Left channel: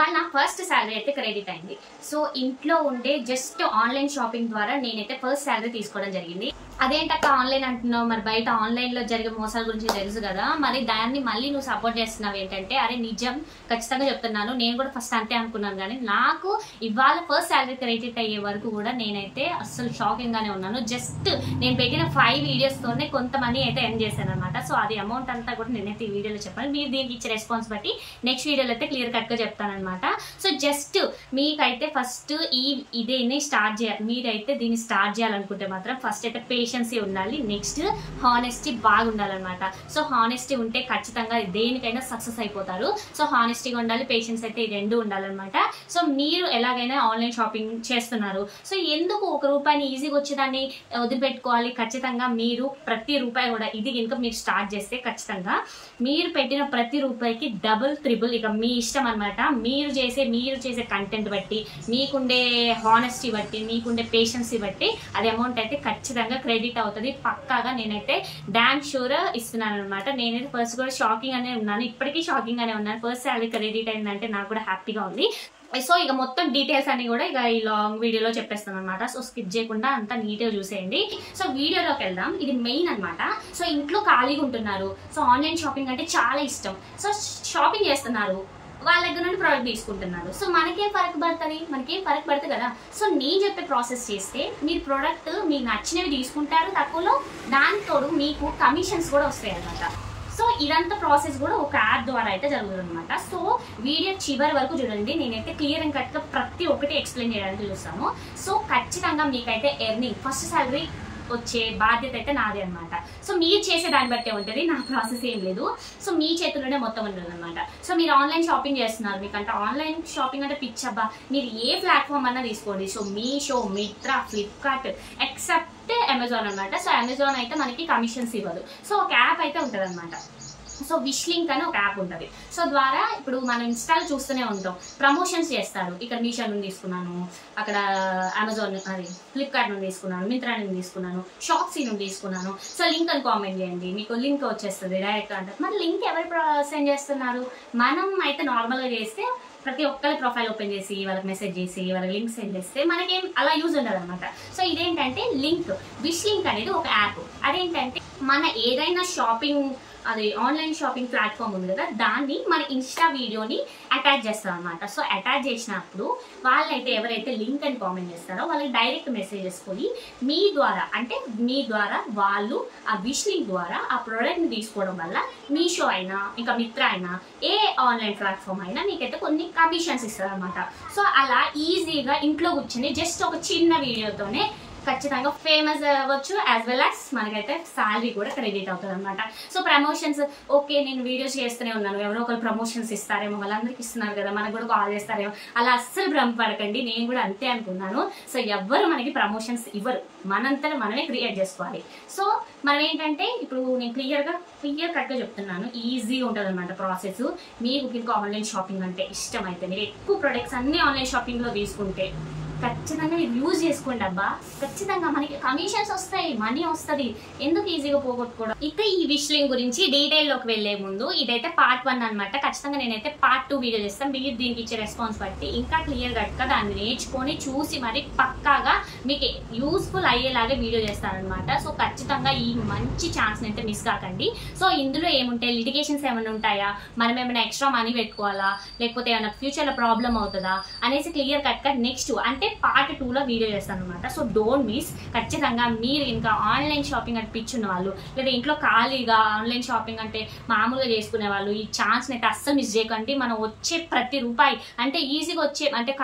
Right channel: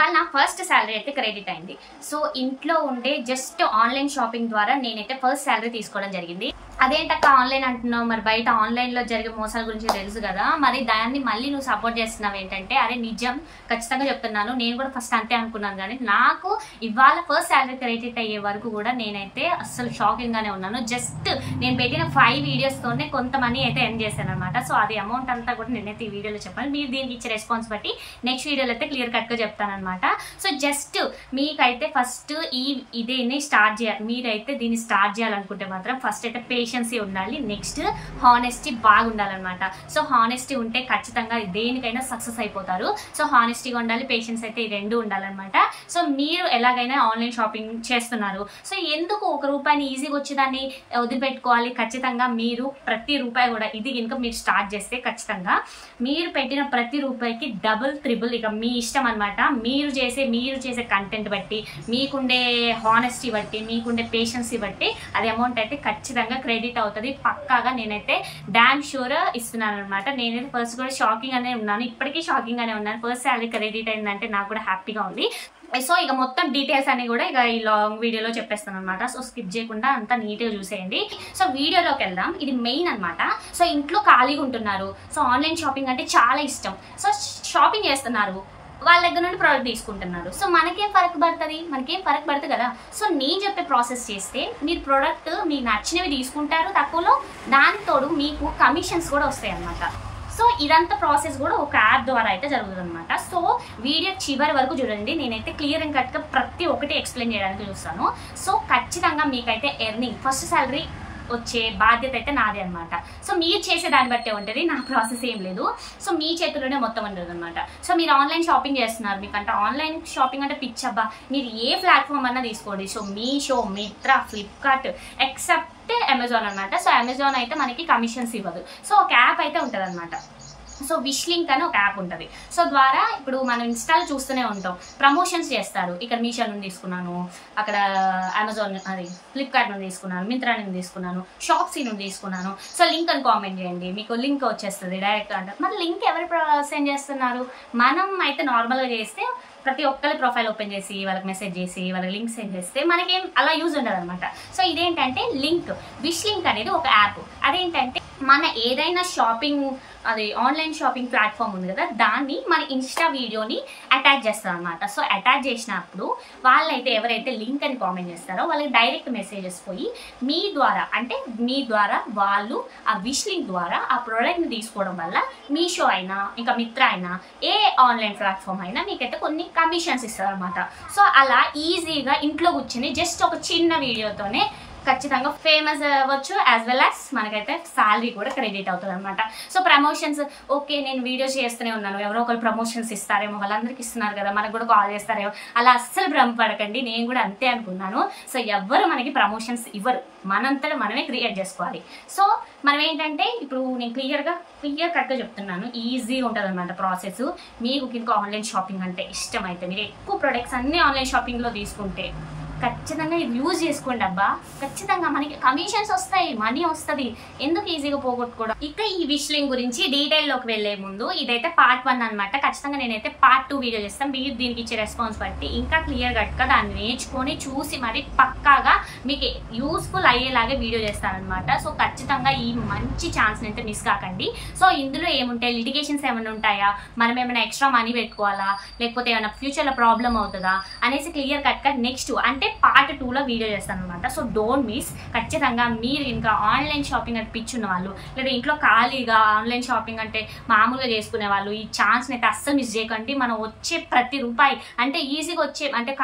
వాళ్ళ నా first salary అయితే క్రెడిట్ అయింది. సో ఇంట్లో ఉండే జస్ట్ ఆన్లైన్ షాపింగ్ ద్వారా నేనైతే ఫస్ట్ శాలరీ తీసుకోవడం జరిగింది. అదేంటక్క ఆన్లైన్ అంటున్నావు, మరి బయట ఆన్లైన్లో జరిగే మోసాల గురించి తెలుసు కదా, మరి దాన్ని మళ్ళీ నువ్వు సపోర్ట్ చేస్తున్నావు ఏంటంటే, అరే నిజం ఖచ్చితంగా చెప్తున్నాను, నేను కూడా ఫస్ట్ అంతే అనుకున్నాను. కానీ నాకు ఇవాళ ఫస్ట్ శాలరీ క్రెడిట్ అయ్యే వరకు కూడా నేనైతే అస్సలు షాకింగ్గానే ఉన్నాను. జస్ట్ నేను పెట్టిన 5 వీడియోస్తోనే కొంత మనీ అయితే ఎర్న్ చేశాను అనమాట. సో అది అమౌంట్ అంతా కూడా నేనైతే ఈ వీడియోలో చెప్పాను. మీరు దీనికి ఇచ్చే రెస్పాన్స్ బట్టి నెక్స్ట్ వీడియోలో అయితే క్లియర్ కట్గా చెప్తాను అనమాట. సో జస్ట్ మీకైతే ఫస్ట్ ఇదేని స్టార్ట్ చేయాలి, మీరైతే దీన్ని స్టార్ట్ చేయాలనుకుంటే మాత్రం ఫస్ట్ అయితే పేషెన్సీ ఉండాలి, నెక్స్ట్ హానెస్టీ బాగా ఉండాలన్నమాట. సో హానెస్టీ ఉంటే ఖచ్చితంగా దేనికైనా సక్సెస్ అయిపోతారు. సో హానెస్టీగా ఉండాలి, పేషెన్స్ అయితే ఈ రెండు ఉండాలన్నమాట. సో మీరు ఎలాగైనా ఆన్లైన్ షాపింగ్ చేస్తున్నారు, సో ఎందుకు ఒక రూపాయిని ఈజీగా వచ్చేదాన్ని వదిలిపెట్టుకోవాలి? ఖచ్చితంగా మీరు ప్రతి రూపాయి కూడా ఇది కనుక మీరు స్టార్ట్ చేస్తే ఖచ్చితంగా మీరు పెట్టిన ప్రతి రూపాయికి డబుల్ త్రిబుల్ ఇక మీ ఇష్టం అనమాట. మీరు చేసే కంటెంట్ బట్టి, మీకుండే హానెస్టీ బట్టి, మీకుండే పేషెన్సీ బట్టి అది అమౌంట్ అయితే ఖచ్చితంగా క్రెడిట్ అవుతుంది పక్కాగా. నేనైతే డామ్ షూర్ ఇస్తున్నాను అనమాట. నేనైతే ఫస్ట్ కూడా షాకింగ్ అనే ఉన్నాను, ఇప్పటికీ షాకింగ్ అనే ఉన్నాను. ఫస్ట్ శాలరీ క్రెడిట్ అయిందంటే నాకు కూడా హ్యాపీగా ఉంది. సో ఇక మొత్తం డీటెయిల్స్ అన్ని కూడా ఇక ఈ లాంగ్ వీడియోలో చెప్పేస్తాను అనమాట. సో స్కిప్ చేయకుండా అంతా నీట్గా చూసేయండి. సో వీడియోలోకి వెళ్దాం. ఇది మెయిన్ అనమాట. సో ఇంట్లో ఖాళీగా ఉంటున్నారు, సో ఆన్లైన్ షాపింగ్ అంటే చాలా ఇష్టం, సో షాపింగ్ చేస్తున్నారు, వాళ్ళ దగ్గర నుండి ప్రోడక్ట్ తీసుకుంటున్నారు. సో మనకేం ఫరక్ పడుతుంది కదా. సో నేను చెప్పే ప్రాసెస్ చేస్తే మీరు ప్రోడక్ట్ మీకు నచ్చినవి తీసుకుంటారు తక్కువలో, దానితోడు మీకు కమిషన్స్ కూడా వస్తాయి అనమాట. సో ఇదంతా ప్రాసెస్ కూడా ఒక యాప్ ద్వారా అయితే జరుగుతుంది అనమాట. సో వీడియో చివరి వరకు చూడండి, నేనైతే క్లియర్ అండ్ కట్గా ప్రతి ఒక్కటి ఎక్స్ప్లెయిన్ చేయడానికి చూస్తాను. సో ఖచ్చితంగా మీకైతే ఎర్నింగ్ ఫస్ట్ శాలరీ వచ్చే బాధ్యత అయితే నాదే అనమాట. సో మీరు చేసే దాన్ని బట్టే ఉంటుంది, నా ప్రాసెస్ ఏం లేదు. సో మీ చేతుల్లోనే మొత్తం ఉంటుంది అనమాట. సో మీరు ఆన్లైన్ షాపింగ్ చేస్తున్నారు, మీకంటే ఆన్లైన్ షాపింగ్ అంటే పిచ్చబ్బా, మీరు ఏ ప్లాట్ఫామ్ అన్నా తీసుకోండి. So Meesho, Mitra, Flipkart except Amazon అనమాట. సో అమెజాన్ అయితే మనకి కమిషన్స్ ఇవ్వదు. సో ఒక యాప్ అయితే ఉంటుంది అనమాట. సో విష్ లింక్ అని ఒక యాప్ ఉంటుంది. సో ద్వారా ఇప్పుడు మనం ఇన్స్టాల్ చూస్తూనే ఉంటాం, ప్రమోషన్స్ చేస్తారు. ఇక్కడ మీషో నుండి తీసుకున్నాను, అక్కడ అమెజాన్ అది ఫ్లిప్కార్ట్ నుండి తీసుకున్నాను, మింత్రా నుండి తీసుకున్నాను, షాప్సీ నుండి తీసుకున్నాను. సో లింక్ అని కామెంట్ చేయండి, మీకు లింక్ వచ్చేస్తుంది డైరెక్ట్ అంటారు. మరి లింక్ ఎవరు సెండ్ చేస్తున్నారు? మనం అయితే నార్మల్గా చేస్తే ప్రతి ఒక్కరి ప్రొఫైల్ ఓపెన్ చేసి వాళ్ళకి మెసేజ్ చేసి వాళ్ళకి లింక్ సెండ్ చేస్తే మనకేం అలా యూజ్ ఉండదు అనమాట. సో ఇదేంటంటే లింక్, విష్ లింక్ అనేది ఒక యాప్. అదేంటంటే మన ఏదైనా షాపింగ్ అది ఆన్లైన్ షాపింగ్ ప్లాట్ఫామ్ ఉంది కదా, దాన్ని మన ఇన్స్టా వీడియోని అటాచ్ చేస్తాం అనమాట. సో అటాచ్ చేసినప్పుడు వాళ్ళైతే ఎవరైతే లింక్ అని కామెంట్ చేస్తారో వాళ్ళకి డైరెక్ట్ మెసేజెస్ పోయి మీ ద్వారా వాళ్ళు ఆ విష్ లింక్ ద్వారా ఆ ప్రోడక్ట్ని తీసుకోవడం వల్ల మీషో అయినా ఇంకా మిత్రా అయినా ఏ ఆన్లైన్ ప్లాట్ఫామ్ అయినా మీకైతే కొన్ని కమిషన్స్ ఇస్తారు అనమాట. సో అలా ఈజీగా ఇంట్లో కూర్చొని జస్ట్ ఒక చిన్న వీడియోతోనే ఖచ్చితంగా ఫేమస్ అవ్వచ్చు, యాజ్ వెల్ యాజ్ మనకైతే శాలరీ కూడా క్రెడిట్ అవుతుంది అనమాట. సో ప్రమోషన్స్ ఓకే, నేను వీడియోస్ చేస్తూనే ఉన్నాను, ఎవరో ఒకరు ప్రమోషన్స్ ఇస్తారేమో, వాళ్ళందరికీ ఇస్తున్నారు కదా, మనకు కూడా కాల్ చేస్తారేమో, అలా అస్సలు భ్రమపడకండి. నేను కూడా అంతే అనుకున్నాను. సో ఎవ్వరు మనకి ప్రమోషన్స్ ఇవ్వరు, మనంతటా మనమే క్రియేట్ చేసుకోవాలి. సో మనం ఏంటంటే ఇప్పుడు నేను క్లియర్ కట్గా చెప్తున్నాను, ఈజీగా ఉంటుంది అనమాట ప్రాసెస్. మీకు ఇంకా ఆన్లైన్ షాపింగ్ అంటే ఇష్టం అయితే మీరు ఎక్కువ ప్రొడక్ట్స్ అన్ని ఆన్లైన్ షాపింగ్లో తీసుకుంటే ఖచ్చితంగా ఇది యూజ్ చేసుకోండి అబ్బా. ఖచ్చితంగా మనకి కమిషన్స్ వస్తాయి, మనీ వస్తుంది, ఎందుకు ఈజీగా పోగొట్టుకోవడం. ఇక ఈ విష్ లింక్ గురించి డీటెయిల్లోకి వెళ్లే ముందు ఇదైతే పార్ట్ 1 అనమాట. ఖచ్చితంగా నేనైతే పార్ట్ 2 వీడియో చేస్తాను. మీరు దీనికి ఇచ్చే రెస్పాన్స్ బట్టి ఇంకా క్లియర్ కట్గా దాన్ని నేర్చుకొని చూసి మరి పక్కాగా మీకు యూస్ఫుల్ అయ్యేలాగే వీడియో చేస్తానమాట. సో ఖచ్చితంగా ఈ మంచి ఛాన్స్ని అయితే మిస్ కాకండి. సో ఇందులో ఏముంటాయి, లిటిగేషన్స్ ఏమైనా ఉంటాయా, మనం ఏమైనా ఎక్స్ట్రా మనీ పెట్టుకోవాలా, లేకపోతే ఏమైనా ఫ్యూచర్లో ప్రాబ్లం అవుతుందా అనేసి క్లియర్ కట్గా నెక్స్ట్ అంటే పార్ట్ 2లో వీడియో చేస్తాను అనమాట. So don't miss. ఖచ్చితంగా మీరు ఇంకా ఆన్లైన్ షాపింగ్ అంటే పిచ్చున్న వాళ్ళు, లేదా ఇంట్లో ఖాళీగా ఆన్లైన్ షాపింగ్ అంటే మామూలుగా చేసుకునే వాళ్ళు ఈ ఛాన్స్ని అయితే అస్సలు మిస్ చేయకండి. మనం వచ్చే ప్రతి రూపాయి అంటే ఈజీగా వచ్చే అంటే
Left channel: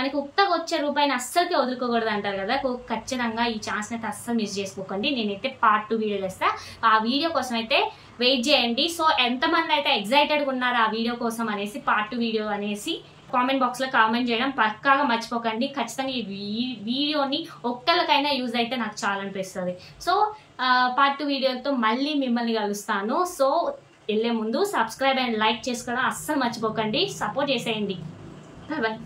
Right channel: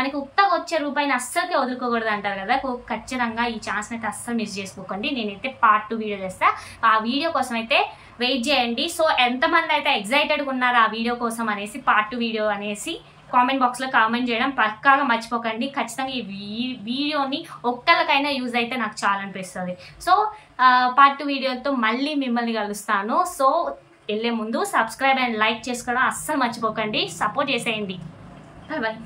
మనకి ఉత్తగా వచ్చే రూపాయిని అస్సలకే వదులుకోకూడదు అంటారు కదా. ఖచ్చితంగా ఈ ఛాన్స్ని అయితే అస్సలు మిస్ చేసుకోకండి. నేనైతే పార్ట్ 2 వీడియో చేస్తా, ఆ వీడియో కోసం అయితే వెయిట్ చేయండి. సో ఎంతమంది అయితే ఎగ్జైటెడ్గా ఉన్నారు ఆ వీడియో కోసం అనేసి, పార్ట్ 2 వీడియో అనేసి కామెంట్ బాక్స్లో కామెంట్ చేయడం పక్కాగా మర్చిపోకండి. ఖచ్చితంగా ఈ వీడియోని ఒక్కరికైనా యూజ్ అయితే నాకు చాలా అనిపిస్తుంది. సో పార్ట్ 2 వీడియోతో మళ్ళీ మిమ్మల్ని కలుస్తాను. సో వెళ్ళే ముందు సబ్స్క్రైబ్ అండ్ లైక్ చేసుకోవడం అస్సలు మర్చిపోకండి. సపోర్ట్ చేసేయండి. Bye bye.